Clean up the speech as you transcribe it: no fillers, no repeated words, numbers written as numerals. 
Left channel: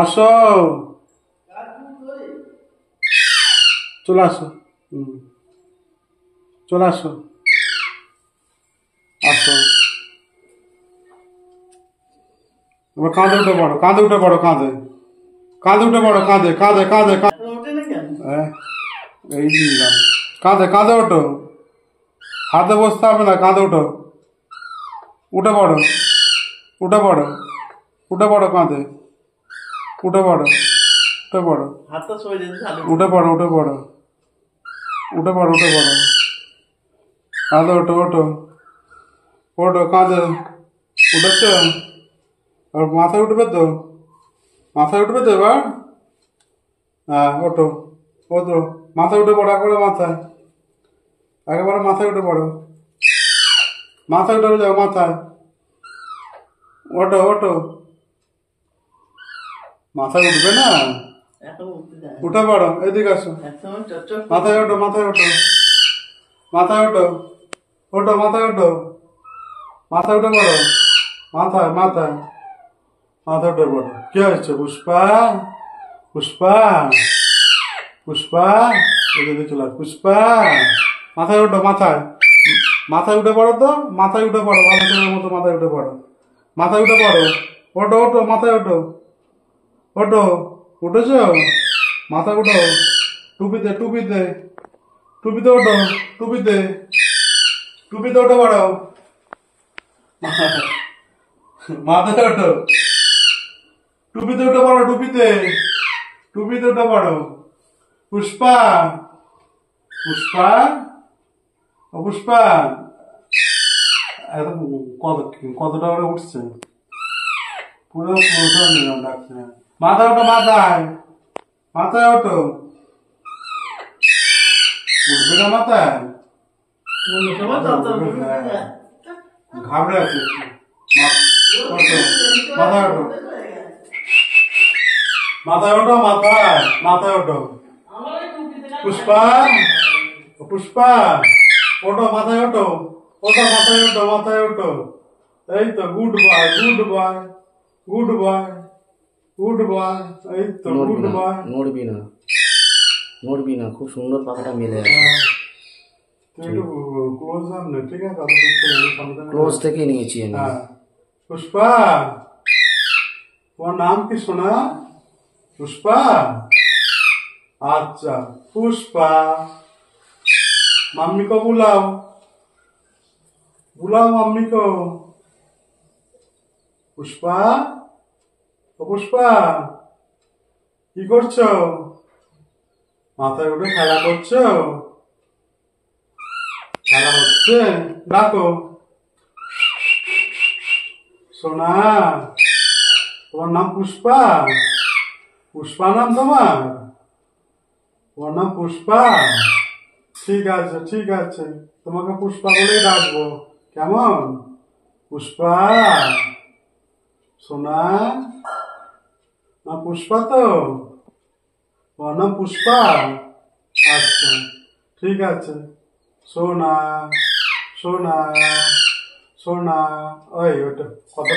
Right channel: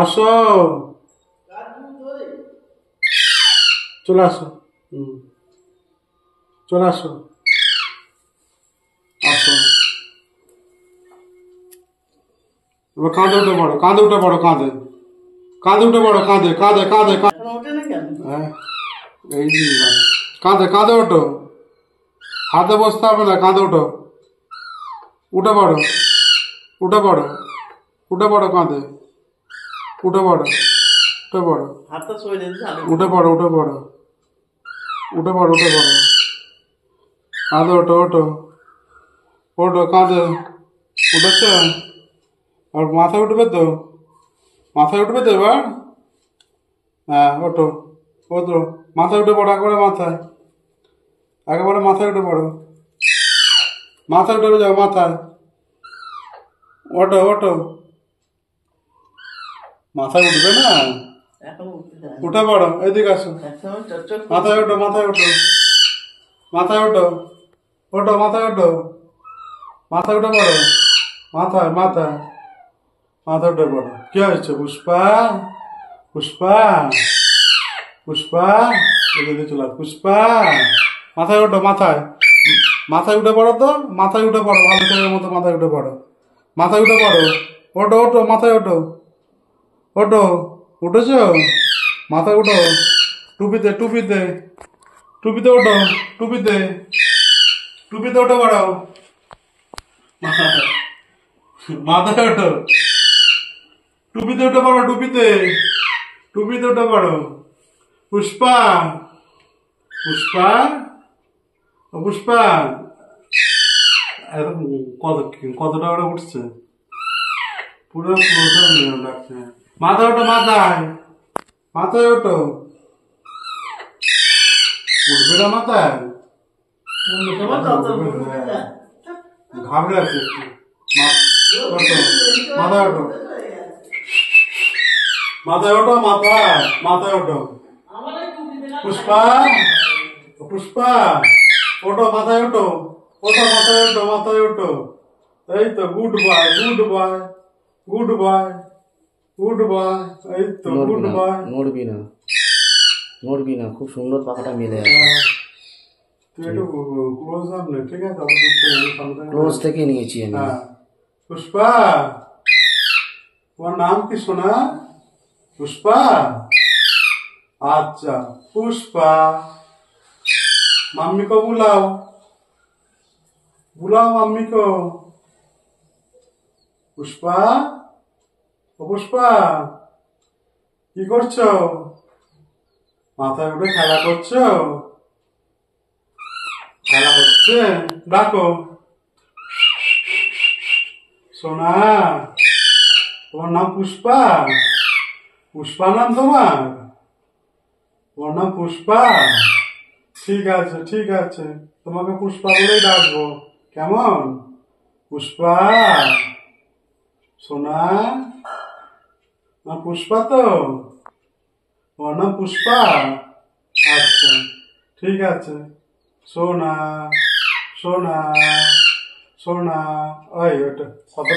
আসো, চলে আসো। চলে আসো, আসো। এবার কাঁধে উঠে পড়ো, কাঁধে উঠে পড়ো, কাঁধে কাঁধে উঠে পড়ো, কাঁধে কাঁধে কাঁধে হ্যাঁ, এই দিলাম। কাঁধে কাঁধে ওঠো, হাতে বসতে হবে না, কাঁধে ওঠো। উঠে পড়ো, উঠে পড়ো, উঠে পড়ো, কাঁধে উঠে পড়ো, উঠে পড়ো, উঠে পড়ো, উঠে পড়ো, উঠে পড়ো, উঠে পড়ো, কাঁধে ওঠো, ওঠো, ওঠো, কাঁধে উঠেছে। আর মাথায় উঠবে তো, মাথায় উঠবে তো এবার। হ্যাঁ, ওঠো, ওঠো, মাথায় উঠে পড়ো, একবারে মাথায়, একেবারে মাথায় উঠে পড়ো, মাথায় উঠে যাও, মাথায় ওঠো, ওঠো। মাথায় উঠবে না, উঠে পড়ো, এদিকে আসো, মাথায় ওঠো, মাথায় ওঠো, মাথায় ওঠো, ওঠো, মাথায় ওঠো, মাথায় উঠে পড়ো, মাথায় মাথায় মাথায় উঠে পড়ো। কি হয়েছে পুষ্পা? পুষ্পা, পুষ্পা, এদিকে চলে পুষ্পা, মাথায় ওঠো, মাথায়, মাথায় উঠে পড়ো তো, মাথায় উঠে পড়ো, ভালো ছেলের মতো মাথায় উঠে পড়ো, মাথায় উঠে পড়ো, ওঠো, ওঠো, মাথায় ওঠো, ওঠো, উঠেছো, মাথায় উঠো, টুপিতে, টুপিতে, টুপিতে ওঠো, টুপিতে, টুপিতে উঠে পড়ো, মাথায় ওঠো, টুপিতে উঠে পড়ো, টুপিতে, টুপিতে উঠে পড়ো। পুষ্পা, পুষ্পা, ও পুষ্পা, এত কত কতটা করে উঠছে, পুরো ডাকছে। মাথায় ওঠো, মাথায়, মাথায় ওঠো, উঠবে না মাথায়, ঘাবড়ে আছে, মাথায় ওঠো, মাথায় ওঠো, মাথায়, মাথায় ওঠো। পুষ্পা, পুষ্পা, ওঠো, মাথায় ওঠো, ওঠো, মাথায় ওঠো, মাথায় ওঠো। এই তো good boy, good boy, good boy, good boy, এই তো গুড বয়। নড়বি না, নড়বি না, খুব সুন্দর পাখাটা মেলে আছে। তুই একটু ক্লোজ আন না, ঠিক আছে? ক্লোজ থেকে নিয়েছি আমি। পুষ্পা, তোমার নাম কি সোনা? पुष्पा, अच्छा पुष्पा, मम्मी को बुलाओ, बुलाओ मम्मी को। पुष्पा, ओ पुष्पा, কি করছো? মাথায় উঠে খেলা করছো? খেলা হচ্ছে, ডাকো। সোনা, তোমার নাম পুষ্পা? পুষ্পা নাম তোমার? তোমার নাম পুষ্পা? ঠিক আছে, ঠিক আছে, তোমাকে পুষ্পা বলেই ডাকবো, কেমন? পুষ্পা, সোনা, নাম পুষ্পা তো? তোমার নাম পুষ্পা? আচ্ছা, ঠিক আছে। সোনা, সোনা, সোনা, ওই ওটা কত